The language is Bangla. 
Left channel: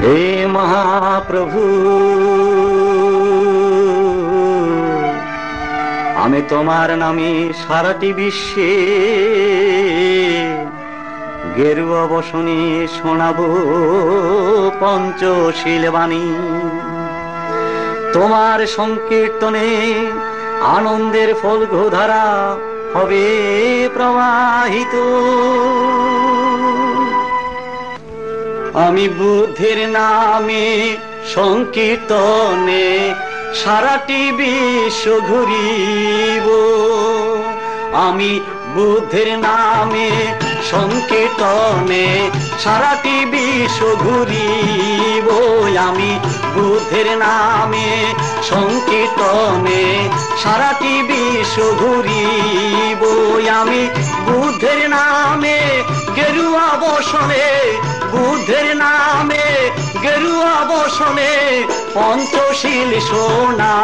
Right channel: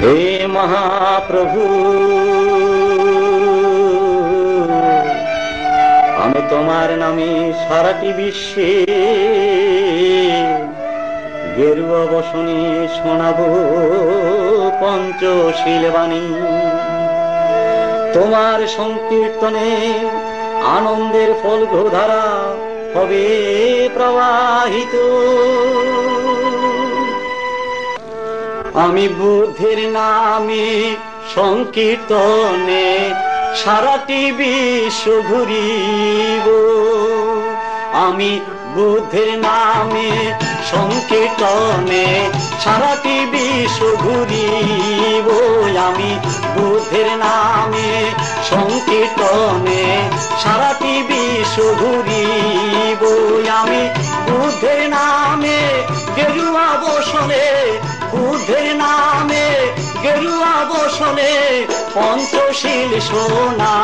হে মহাপ্রভু, আমি তোমার নামে সারাটি বিশ্বে গেরুয়া বসনে শোনাবো পঞ্চশীল বাণী। তোমার সংকীর্তনে আনন্দের ফলঘোধারা হবে প্রবাহিত। আমি বুদ্ধের নামে সংকীর্তনে সারাটি বিশ্ব ঘুরিব। আমি বুদ্ধের নামে সংকীর্তনে সারাটি বিশ্ব ঘুরিব। আমি বুদ্ধের নামে সংকীর্তনে সারাটি বিশ্ব ঘুরিব। আমি বুদ্ধের নামে গেরুয়া বসনে, বুদ্ধের নামে গেরুয়া বসনে পঞ্চশীল শোনা